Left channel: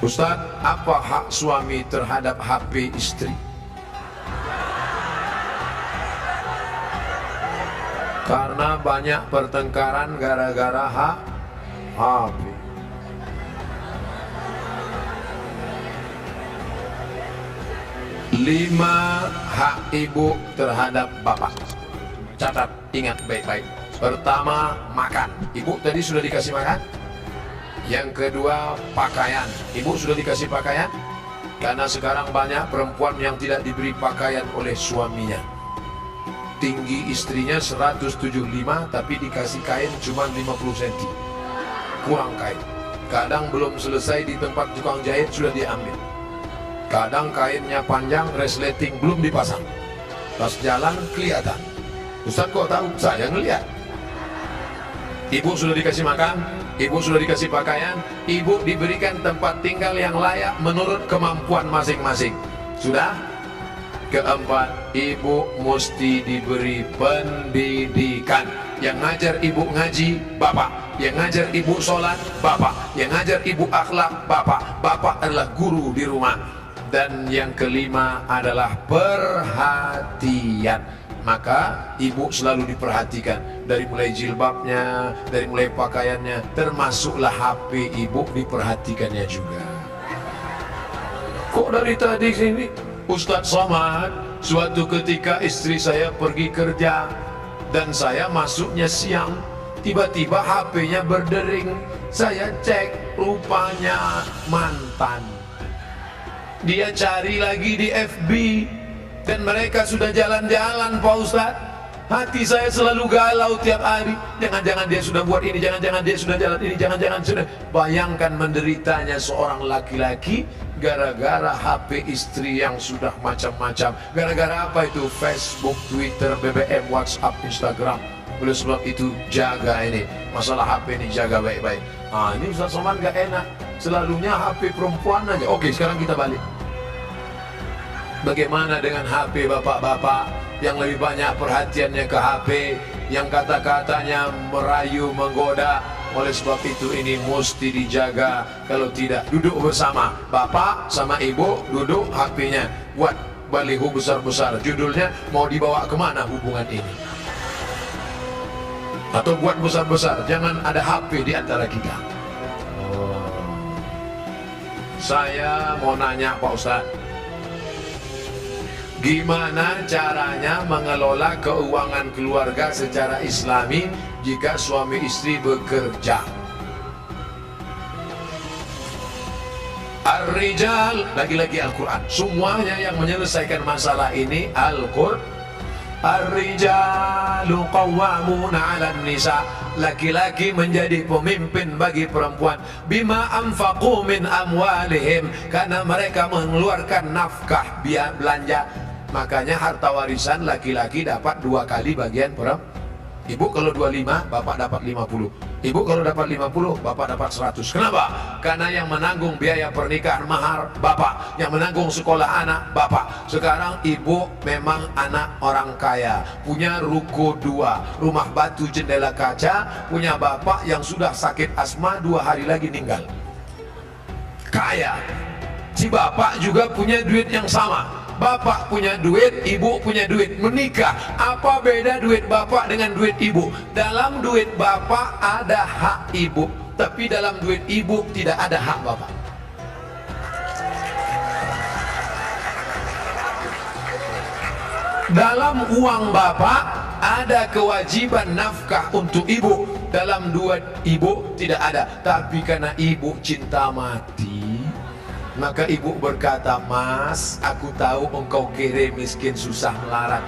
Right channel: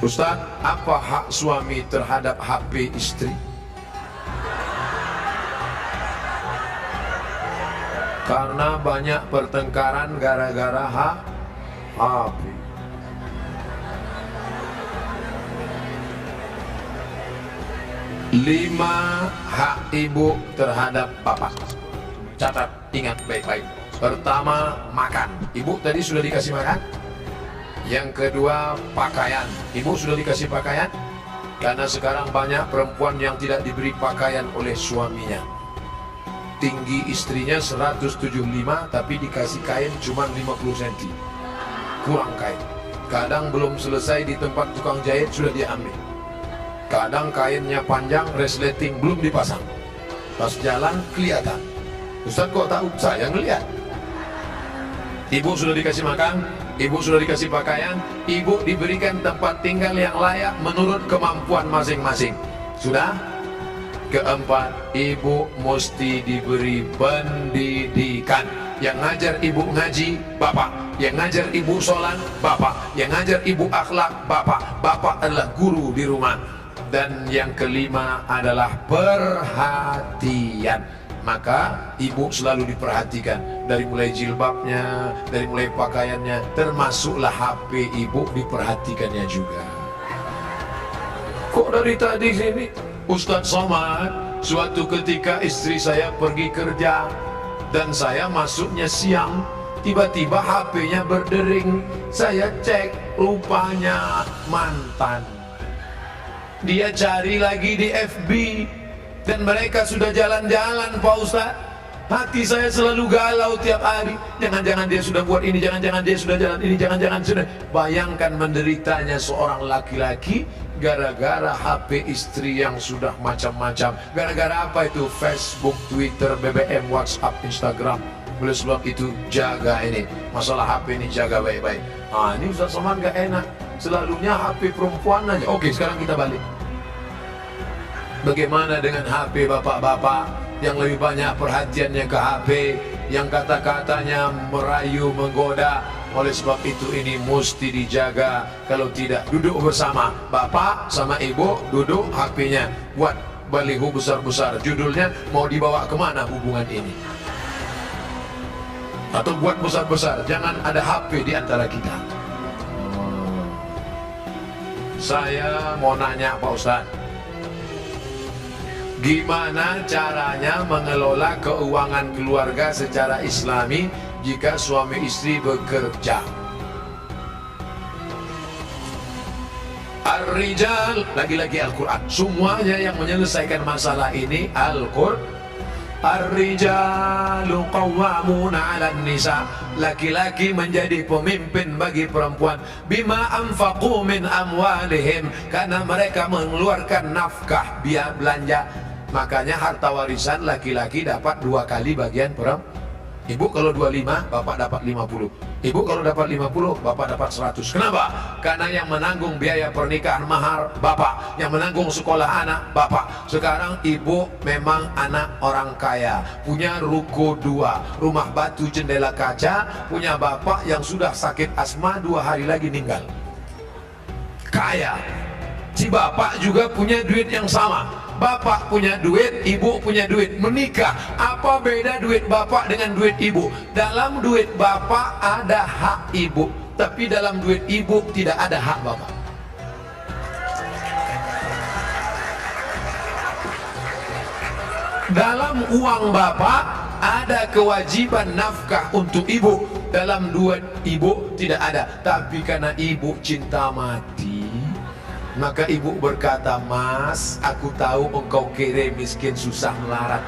Ustadz, apa hak suami terhadap HP istri? Karena banyak pertengkaran gara-gara hak HP. Lima hak ibu terhadap bapak. Catat, ingat baik-baik. Pertama, makan. Ibu tadi sudah dikasih makan. Yang kedua, pakaian. Ibu sudah dikasih pakaian? Karena sekarang banyak perempuan yang tidak diberi pakaian oleh suaminya. Tinggi istrinya 175, tapi dikasih kain cuma 50 cm. Kurang kain. Kadang belum selesai di tempat tukang jahit sudah diambil. Kadang kainnya panjang, resleting belum dipasang. Pas jalan kelihatan. Ustaz kok tahu? Saya ngeliat. Ibu sudah dikasih makan, ibu sudah dikasih pakaian, ibu diberikan tempat tinggal yang layak menurut kemampuan masing-masing. Sudah? Keempat, ibu mesti diberi pendidikan. Yang ngajar ibu ngaji, bapak. Yang ngajar ibu sholat, bapak. Yang ngajar ibu akhlak, bapak. Bapak adalah guru di rumah. Dan yang kelima adalah perhatian. Maka ibu selalu diperhatikan. Dari mulai jilbabnya, dari mulai pakaiannya, termasuklah HP ibu diperhatikannya juga. Kok dari tadi sini Ustadz Somad, suatu ketika istri saya pergi kerja dan saya masuknya siang, tiba-tiba HP-nya berdering. Saya cek, rupanya mantan. Dia cari lagi di FB dan mereka sudah jalan-jalan, Pak Ustadz. Hati saya selalu galau tiap hari. Jangan-jangan dia sudah buat ini, jangan-jangan dia sudah jalan ini, jangan-jangan sudah. Bayangkan menderitanya seorang laki-laki gara-gara HP istri yang sudah macam-macam. Gara-gara apa itu? Facebook, Twitter, BBM, WhatsApp, Instagram. Oleh sebab itu jaga ini. Masalah HP ini jaga baik-baik. Ah, ini Ustaz Somad gak enak. Selalunya HP perempuan aja. Oke, sekarang kita balik. Bagaimana dengan HP bapak-bapak yang lebih banyak perhatiannya ke HP, yang kata-katanya merayu, menggoda? Oleh sebab itu ini mesti dijaga. Kalau tidak, duduk bersama bapak sama ibu, duduk HP-nya, buat baliho besar-besar, judulnya mau dibawa kemana hubungan ini, atau buat besar-besar, jangan ada HP di antara kita. Saya mau nanya Pak Ustadz, gimana caranya mengelola keuangan keluarga secara islami jika suami istri bekerja? Ar-rijal, lagi-lagi Al-Quran. Semuanya yang menyelesaikan masalah ini Al-Quran. Ar-rijalu qawwamuna 'alan nisa. Laki-laki menjadi pemimpin bagi perempuan. Bima anfaqu min amwalihim, karena mereka mengeluarkan nafkah, biaya belanja. Makanya harta warisan laki-laki dapat 2 kali bagian perempuan. Ibu kalau 25, bapak dapat 50. Ibu kalau dapat 50, bapak dapat 100. Kenapa? Karena yang menanggung biaya pernikahan mahar bapak, yang menanggung sekolah anak bapak. Sekarang ibu memang anak orang kaya, punya ruko 2, rumah batu jendela kaca, punya bapak yang sudah sakit asma 2 hari lagi meninggal. Kaya. Si bapak juga punya duit yang sama. Bapak punya duit, ibu punya duit, menikah. Apa beda duit bapak dengan duit ibu? Dalam duit bapak ada hak ibu, tapi dalam duit ibu tidak ada hak bapak. Dalam uang bapak ada kewajiban nafkah untuk ibu, dalam duit ibu tidak ada. Tapi karena ibu cinta mati, maka ibu berkata, "Mas, aku tahu engkau kere, miskin, susah, melarat,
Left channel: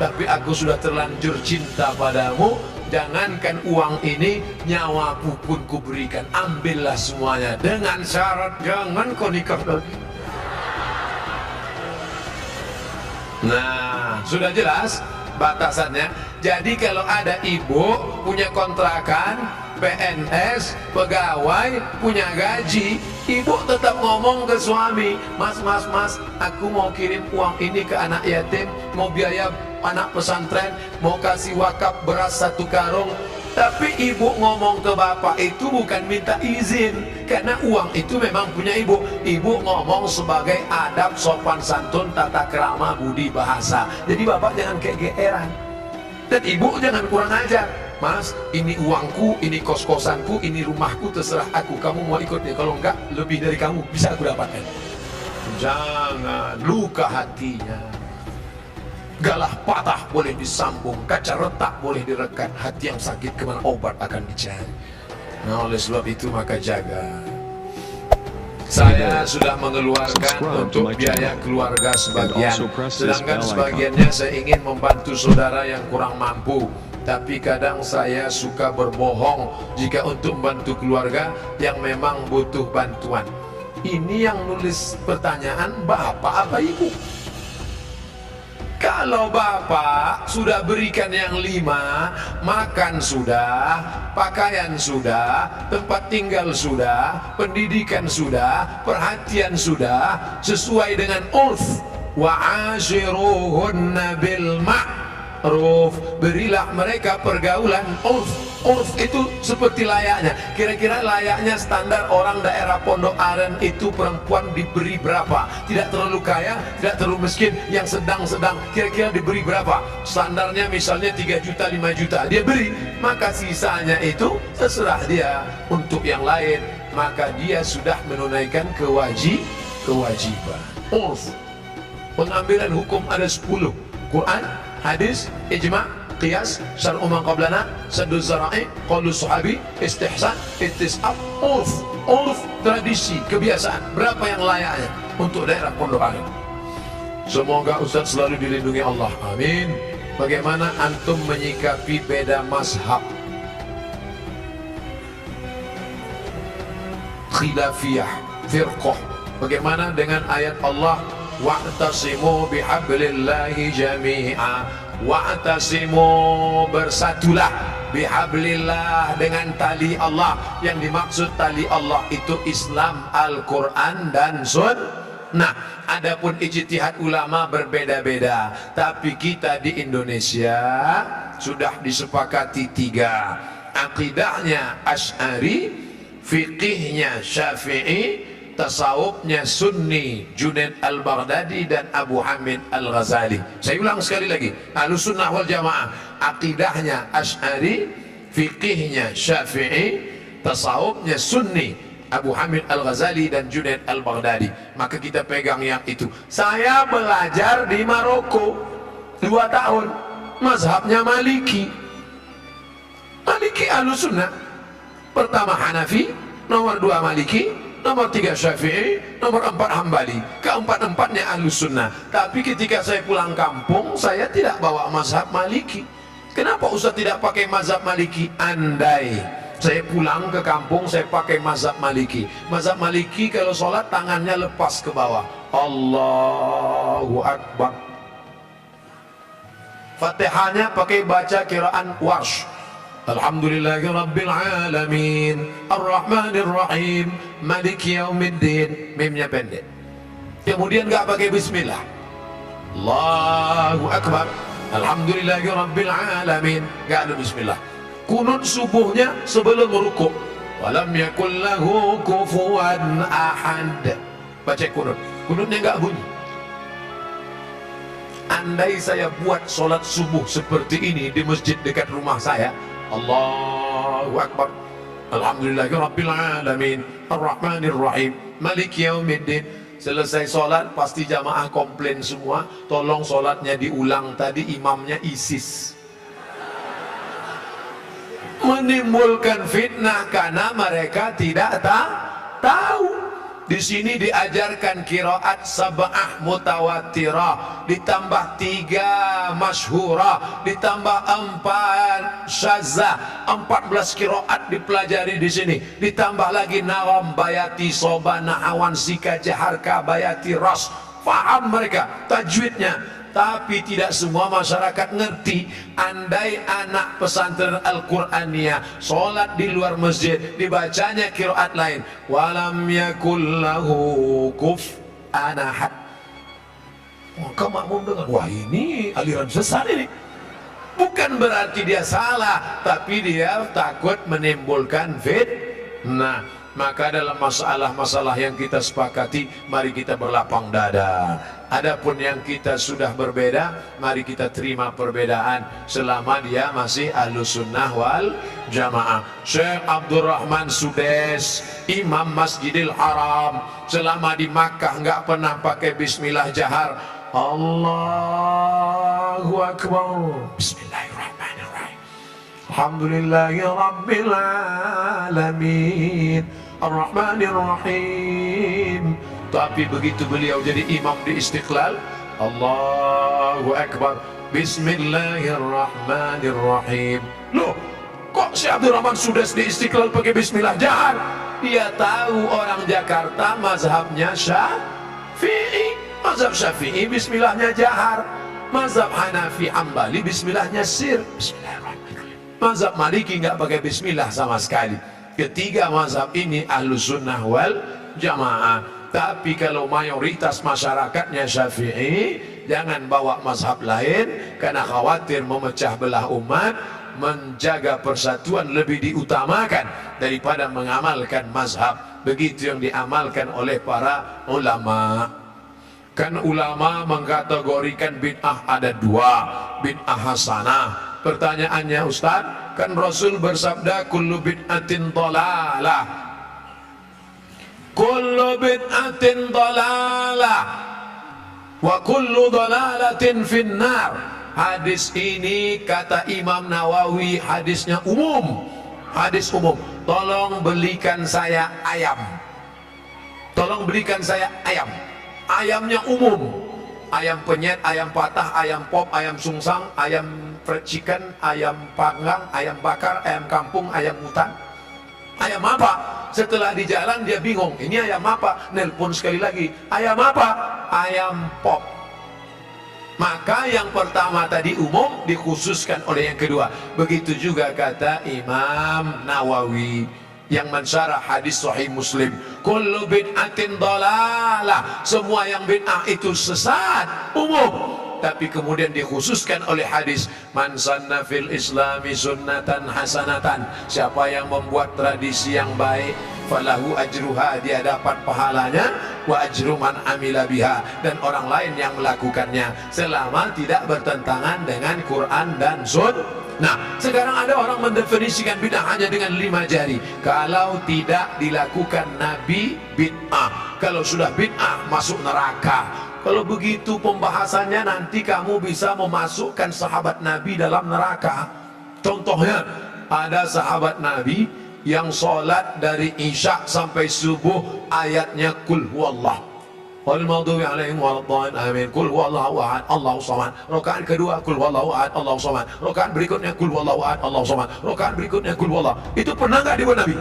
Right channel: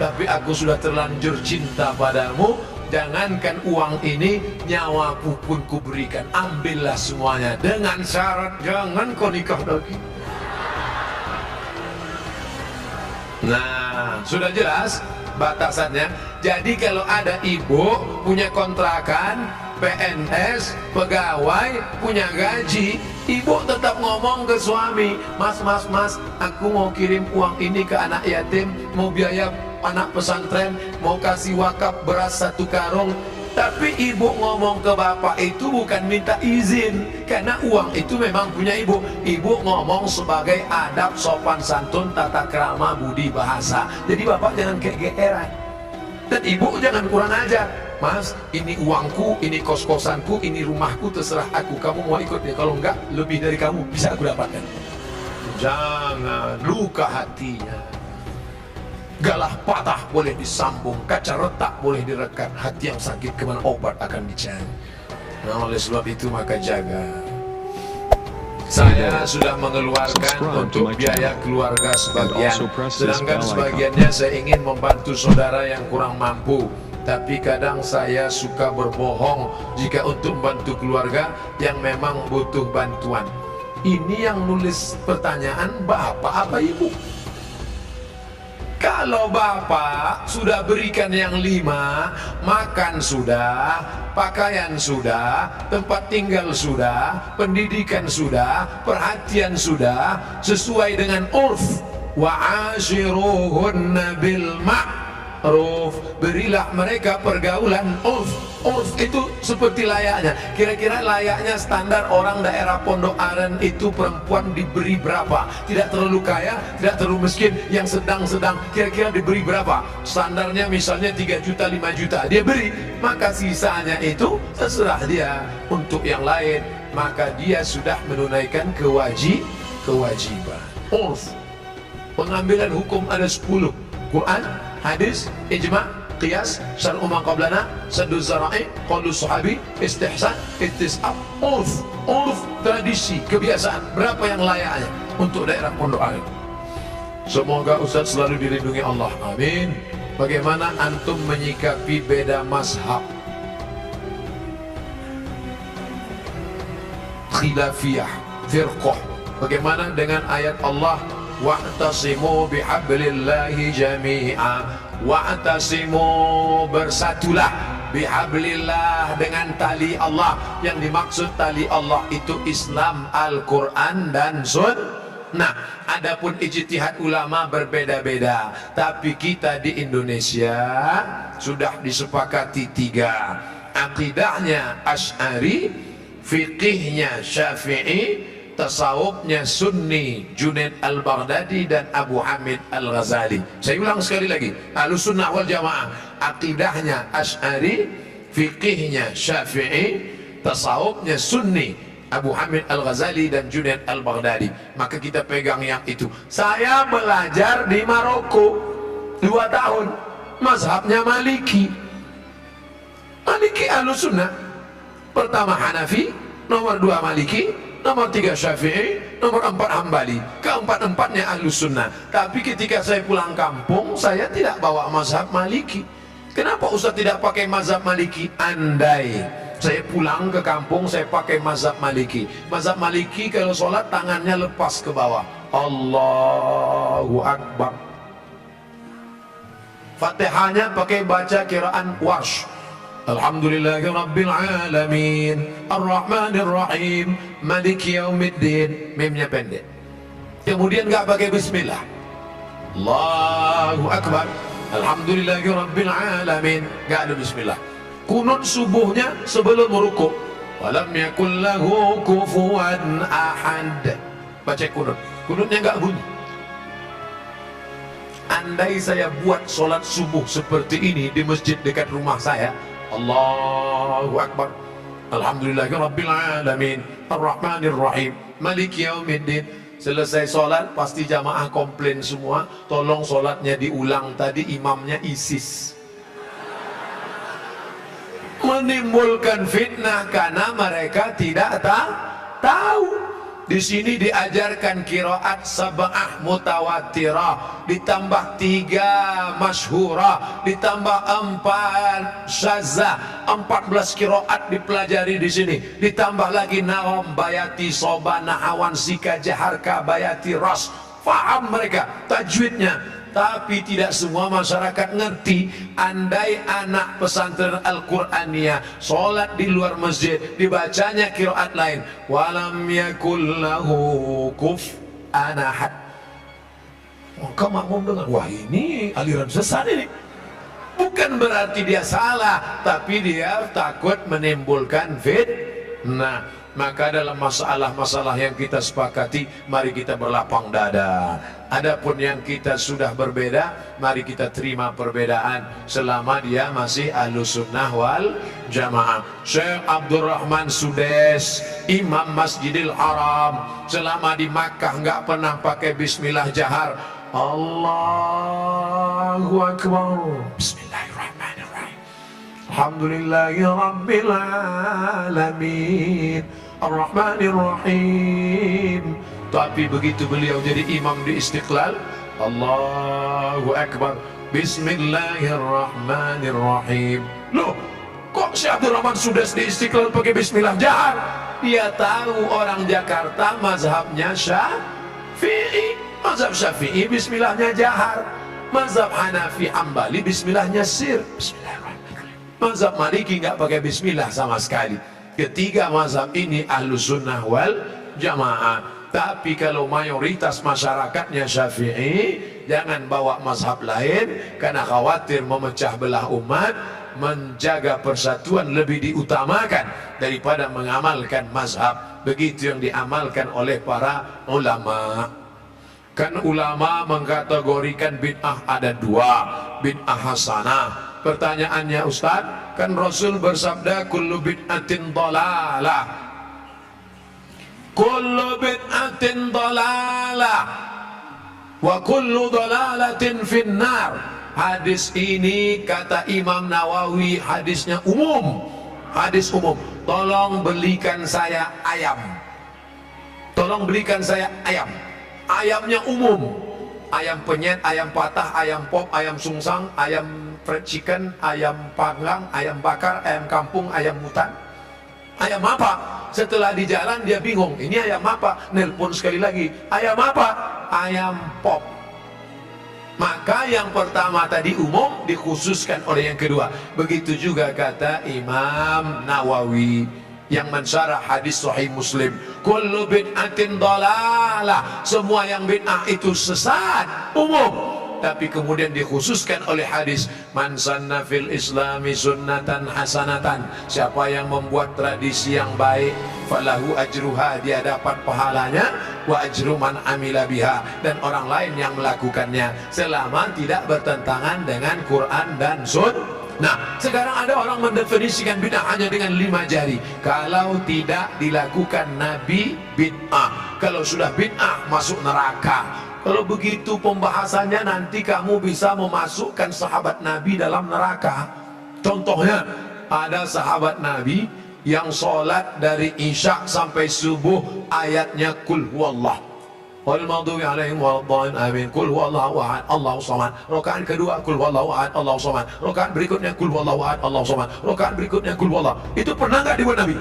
tapi aku sudah terlanjur cinta padamu. Jangankan uang ini, nyawaku pun kuberikan. Ambillah semuanya, dengan syarat jangan kau nikah lagi." Nah, sudah jelas batasannya. Jadi kalau ada ibu punya kontrakan, PNS, pegawai, punya gaji, ibu tetap ngomong ke suami, "Mas, aku mau kirim uang ini ke anak yatim, mau biaya anak pesantren, mau kasih wakaf beras 1 karung, Tapi ibu ngomong ke bapak itu bukan minta izin, karena uang itu memang punya ibu. Ibu ngomong sebagai adab sopan santun, tata krama, budi bahasa. Jadi bapak jangan kegeeran, dan ibu jangan kurang ajar. Mas, ini uangku, ini kos-kosanku, ini rumahku, terserah aku. Kamu mau ikut ya? Kalau enggak, lebih dari kamu bisa aku dapatkan. Jangan luka hatinya. Galah patah boleh disambung, kaca retak boleh direkat, hati yang sakit kemana obat akan dicari. Nah, oleh sebab itu maka jaga. Saya sudah mengeluarkan untuk biaya keluarga sebagian, sedangkan sebagiannya saya ingin membantu saudara yang kurang mampu. Tapi kadang saya suka berbohong jika untuk membantu keluarga yang memang butuh bantuan. Ini yang nulis pertanyaan bapak apa ibu? Kalau bapak sudah berikan yang 5, makan sudah, pakaian sudah, tempat tinggal sudah, pendidikan sudah, perhatian sudah, sesuai dengan urf. Wa ashiruhunna bil ma'ruf, berilah mereka pergaulan urf. Urf itu seperti layaknya. Kira-kira layaknya standar orang daerah Pondok Aren itu perempuan diberi berapa? Tidak terlalu kaya, tidak terlalu miskin, yang sedang-sedang. Kira-kira diberi berapa? Standarnya misalnya 3 juta, 5 juta. Dia beri, maka sisanya itu terserah dia untuk yang lain. Maka dia sudah menunaikan kewajiban. Urf. Pengambilan hukum ada 10. Quran, hadis, ijma', qiyas, syar'u man qablana, saddu zara'i, qaulu sahabi, istihsan, istisab, urf. Urf, tradisi, kebiasaan. Berapa yang layaknya untuk daerah Pondok Aren? Semoga Ustaz selalu dilindungi Allah, amin. Bagaimana antum menyikapi beda mazhab, khilafiyah, firqah? Bagaimana dengan ayat Allah, wa'tasimu bihablillahi jami'a, wa'tasimu, bersatulah, bihablillah, dengan tali Allah. Yang dimaksud tali Allah itu Islam, Al-Quran dan Sunnah. Adapun ijtihad ulama berbeda-beda, tapi kita di Indonesia sudah disepakati 3. Akidahnya Asy'ari, fikihnya Syafi'i, tasawufnya Sunni, Junaid al-Baghdadi dan Abu Hamid al-Ghazali. Saya ulang sekali lagi, Ahlus Sunnah wal Jamaah, akidahnya Asy'ari, fikihnya Syafi'i, tasawufnya Sunni, Abu Hamid al-Ghazali dan Junaid al-Baghdadi. Maka kita pegang yang itu. Saya belajar di Maroko 2 tahun, mazhabnya Maliki. Maliki Ahlus Sunnah. Pertama Hanafi, nomor 2 Maliki, nomor 3 Syafi'i, nomor 4 Hambali. Keempat-empatnya Ahlus Sunnah. Tapi ketika saya pulang kampung, saya tidak bawa mazhab Maliki. Kenapa Ustaz tidak pakai mazhab Maliki? Andai saya pulang ke kampung, saya pakai mazhab Maliki. Mazhab Maliki kalau sholat tangannya lepas ke bawah, Allahu Akbar. Fatihahnya pakai baca kiraan Warsh, Alhamdulillahirabbil alamin, Ar-Rahmanir Rahim, Maliki Yaumiddin. Mimnya pendek. Kemudian enggak pakai bismillah. Allahu Akbar, Alhamdulillahirabbil alamin, enggak ada bismillah. Kunut subuhnya sebelum rukuk, walam yakul lahu kufuwan ahad. Baca kunut. Kunutnya enggak bunyi. Andai saya buat sholat subuh seperti ini di masjid dekat rumah saya, Allahu Akbar, Alhamdulillahirabbil alamin, Ar-Rahmanir Rahim, Maliki Yaumiddin. Selesai sholat pasti jamaah komplain semua, tolong sholatnya diulang, tadi imamnya ISIS. Menimbulkan fitnah karena mereka tidak tahu. Di sini diajarkan qiraat sab'ah mutawatirah, ditambah 3 masyhurah, ditambah 4 syadzah, 14 qiraat dipelajari di sini. Ditambah lagi nagham, bayati, soba, nahawan, sika, jaharka, bayati, ras. Faham mereka tajwidnya. Tapi tidak semua masyarakat ngerti. Andai anak pesantren Al-Quraniyah sholat di luar masjid, dibacanya qiraat lain, walam yakul lahu kufuwan ahad, maka makmum dengar, wah ini aliran sesat ini. Bukan berarti dia salah, tapi dia takut menimbulkan fitnah. Maka dalam masalah-masalah yang kita sepakati, mari kita berlapang dada. Adapun yang kita sudah berbeda, mari kita terima perbedaan selama dia masih Ahlussunnah wal Jamaah. Syekh Abdurrahman Sudes, Imam Masjidil Haram, selama di Makkah nggak pernah pakai bismillah jahar. Allahu Akbar. Bismillahirrahmanirrahim. Alhamdulillahi Rabbil Alamin, Ar-Rahmanir-Rahim. Tapi begitu beliau jadi imam di Istiqlal, Allahu Akbar, Bismillahirrahmanirrahim. Loh, kok si Abdurrahman Sudes di Istiqlal pakai bismillah jahar? Dia tahu orang Jakarta mazhabnya Syafi'i. Mazhab Syafi'i bismillahnya jahar. Mazhab Hanafi Hambali bismillahnya sir. Bismillahirrahmanirrahim. Mazhab Maliki nggak pakai bismillah sama sekali. Ketiga mazhab ini Ahlussunnah wal Jamaah. Tapi kalau mayoritas masyarakatnya Syafi'i, jangan bawa mazhab lain karena khawatir memecah belah umat. Menjaga persatuan lebih diutamakan daripada mengamalkan mazhab. Begitu yang diamalkan oleh para ulama. Kan ulama mengkategorikan bid'ah ada dua, bid'ah hasanah. Pertanyaannya Ustaz, kan Rasul bersabda kullu bid'atin dhalalah, kullu bid'atin dhalalah wa kullu dhalalatin finnar. Hadis ini kata Imam Nawawi hadisnya umum, hadis umum. Tolong belikan saya ayam, tolong belikan saya ayam. Ayamnya umum, ayam penyet, ayam patah, ayam pop, ayam sungsang, ayam fried chicken, ayam panggang, ayam bakar, ayam kampung, ayam hutan. Ayam apa? Setelah di jalan dia bingung, ini ayam apa? Nelpon sekali lagi, ayam apa? Ayam pop. Maka yang pertama tadi umum dikhususkan oleh yang kedua. Begitu juga kata Imam Nawawi yang mensyarah hadis Sahih Muslim, kullu bid'atin dhalalah, semua yang bid'ah itu sesat, umum. Tapi kemudian dikhususkan oleh hadis, man sanna fil islami sunnatan hasanatan, siapa yang membuat tradisi yang baik, falahu ajruha, dia dapat pahalanya, wa ajru man amila biha, dan orang lain yang melakukannya selama tidak bertentangan dengan Quran dan Sunnah. Nah, sekarang ada orang mendefinisikan bid'ah hanya dengan 5 jari. Kalau tidak dilakukan Nabi, bid'ah. Kalau sudah bid'ah, masuk neraka. Kalau begitu pembahasannya, nanti kamu bisa memasukkan sahabat Nabi dalam neraka. Contohnya, ada sahabat Nabi yang sholat dari Isya sampai subuh ayatnya kul huwallah, wal maghdubi alaihim waladdallin, amin. Kul huwallahu ahad, Allahu samad. Rakaat kedua kul huwallahu ahad, Allahu samad. Rakaat berikutnya kul huwallahu ahad, Allahu samad. Rakaat berikutnya kul huwallah. Itu pernah enggak dibuat Nabi?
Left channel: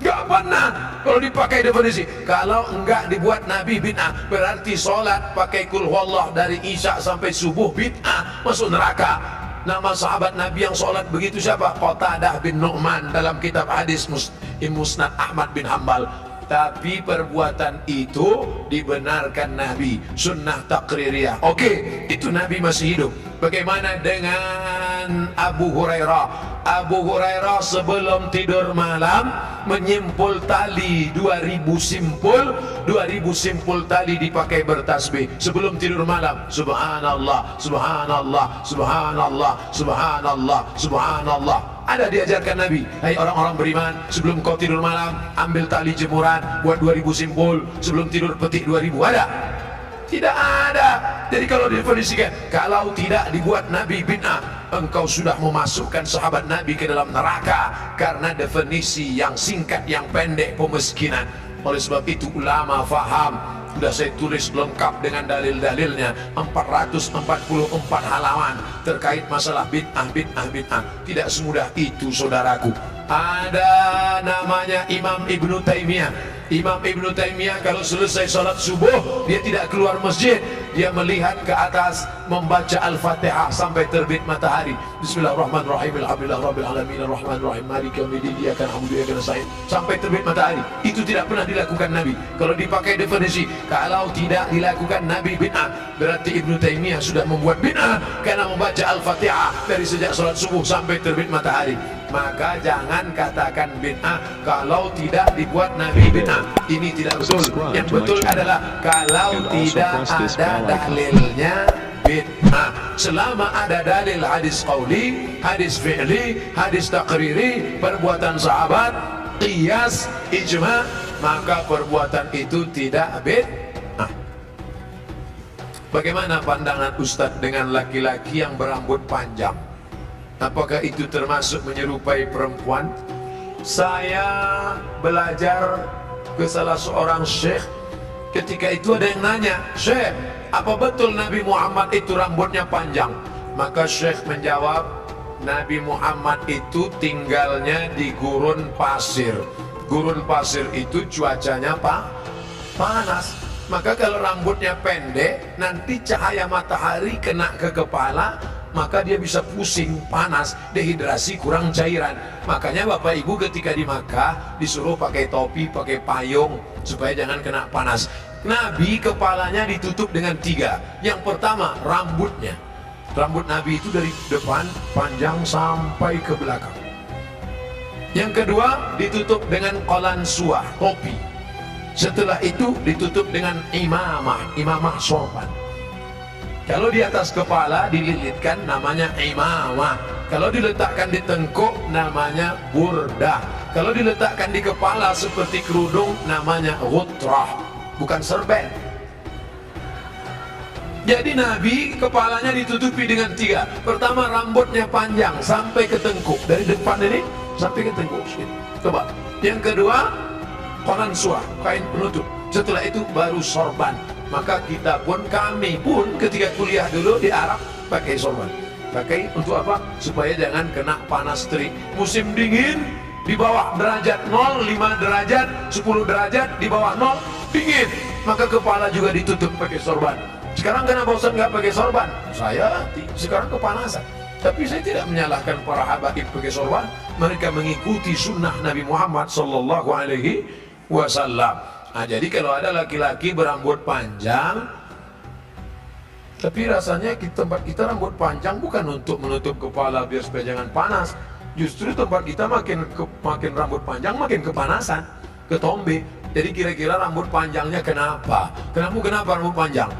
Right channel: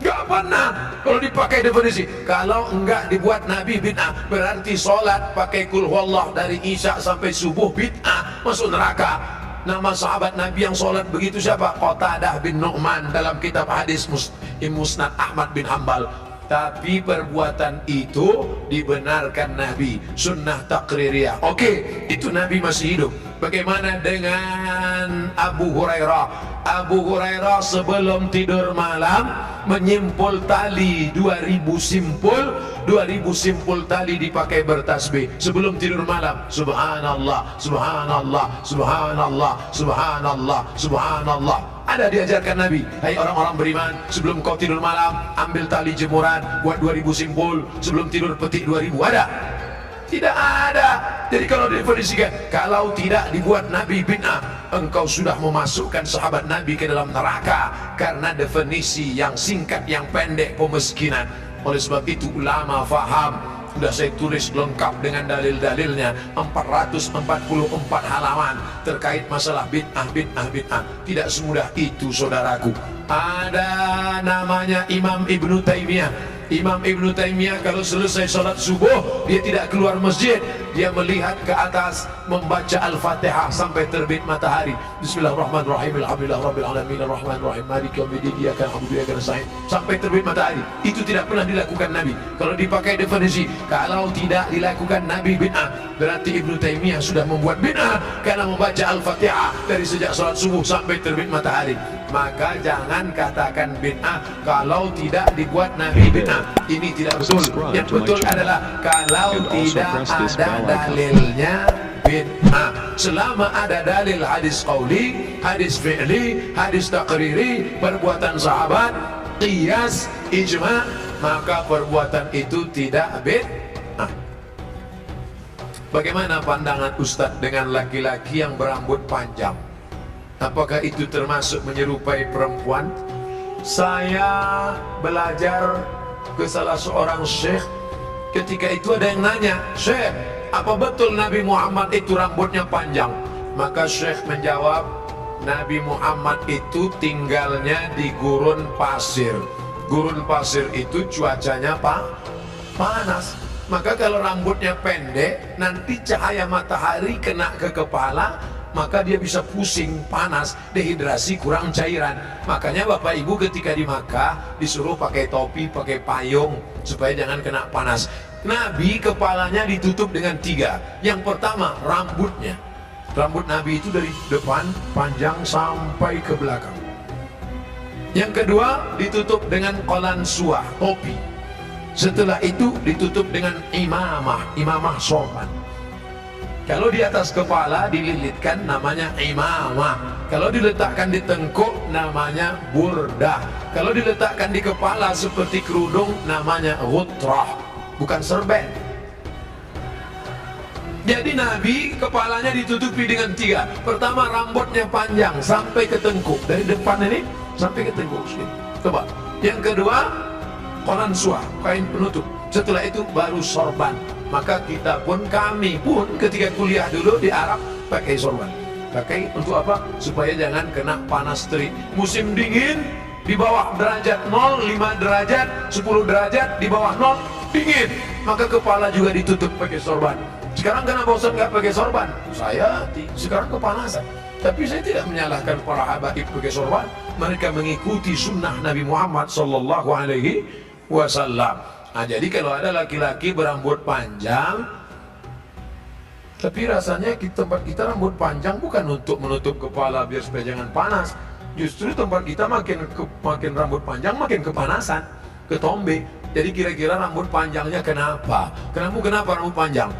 Enggak pernah. Kalau dipakai definisi, kalau enggak dibuat Nabi bid'ah, berarti sholat pakai kul huwallah dari Isya sampai subuh bid'ah, masuk neraka. Nama sahabat Nabi yang sholat begitu siapa? Qatadah bin Nu'man dalam kitab hadis Musnad Ahmad bin Hambal. Tapi perbuatan itu dibenarkan Nabi, sunnah takririyah. Oke, itu Nabi masih hidup. Bagaimana dengan Abu Hurairah? Abu Hurairah sebelum tidur malam menyimpul tali 2000 simpul, 2000 simpul tali dipakai bertasbih sebelum tidur malam. Subhanallah, subhanallah, subhanallah, subhanallah, subhanallah. Ada diajarkan Nabi, hai orang-orang beriman, sebelum kau tidur malam ambil tali jemuran, buat 2000 simpul, sebelum tidur petik 2000. Ada? Tidak ada. Jadi kalau didefinisikan, kalau tidak dibuat Nabi bid'ah, engkau sudah memasukkan sahabat Nabi ke dalam neraka, karena definisi yang singkat, yang pendek, pemiskinan. Oleh sebab itu ulama faham. Sudah saya tulis lengkap dengan dalil-dalilnya, 444 halaman terkait masalah bid'ah, bid'ah, bid'ah. Tidak semudah itu saudaraku. Ada namanya Imam Ibnu Taimiyah. Imam Ibn Taimiyah kalau selesai salat subuh dia tidak keluar masjid, dia melihat ke atas membaca Al-Fatihah sampai terbit matahari. Bismillahirrahmanirrahim, alhamdulillah rabbil alamin, arrahmanirrahim, maliki yaumiddin, iyyaka na'budu wa iyyaka nasta'in, sampai terbit matahari. Itu tidak pernah dilakukan Nabi. Kalau dipakai definisi, kalau tidak dilakukan Nabi bid'ah, berarti Ibn Taimiyah sudah membuat bid'ah karena membaca Al-Fatihah dari sejak salat subuh sampai terbit matahari. Maka jangan katakan bid'ah kalau tidak dibuat Nabi bid'ah. Ini tidak betul. Yang betul adalah kalau tidak ada dalilnya bid'ah. Selama ada dalil hadis qauli, hadis fi'li, hadis takriri, perbuatan sahabat, qiyas, ijma', maka perbuatan itu tidak bid'ah. Bagaimana pandangan Ustadz dengan laki-laki yang berambut panjang? Apakah itu termasuk menyerupai perempuan? Saya belajar ke salah seorang syekh. Ketika itu ada yang nanya, "Syekh, apa betul Nabi Muhammad itu rambutnya panjang?" Maka syekh menjawab, Nabi Muhammad itu tinggalnya di gurun pasir. Gurun pasir itu cuacanya panas. Maka kalau rambutnya pendek, nanti cahaya matahari kena ke kepala, maka dia bisa pusing, panas, dehidrasi, kurang cairan. Makanya Bapak Ibu ketika di Makkah disuruh pakai topi, pakai payung supaya jangan kena panas. Nabi kepalanya ditutup dengan 3. Yang pertama, rambutnya. Rambut Nabi itu dari depan panjang sampai ke belakang. Yang kedua, ditutup dengan qalansuah, topi. Setelah itu ditutup dengan imamah sorban. Kalau di atas kepala dililitkan namanya imamah. Kalau diletakkan di tengkuk namanya burdah. Kalau diletakkan di kepala seperti kerudung namanya ghutrah, bukan serben. Jadi Nabi kepalanya ditutupi dengan 3. Pertama, rambutnya panjang sampai ke tengkuk, dari depan ini sampai ke tengkuk sini. Coba. Yang kedua, qalansuah, kain penutup. Setelah itu baru sorban. Maka kita pun, kami pun ketika kuliah dulu di Arab pakai sorban. Pakai untuk apa? Supaya jangan kena panas terik. Musim dingin di bawah derajat 0, 5 derajat, 10 derajat, di bawah 0 dingin. Maka kepala juga ditutup pakai sorban. Sekarang kenapa Ustaz nggak pakai sorban? Saya sekarang kepanasan. Tapi saya tidak menyalahkan para habaib pakai sorban. Mereka mengikuti sunnah Nabi Muhammad sallallahu alaihi wasallam. Nah, jadi kalau ada laki-laki berambut panjang, tapi rasanya tempat kita rambut panjang bukan untuk menutup kepala biar supaya jangan panas. Justru tempat kita makin rambut panjang makin kepanasan, ketombe. Jadi kira-kira rambut panjangnya kenapa? Kenapa rambut panjang?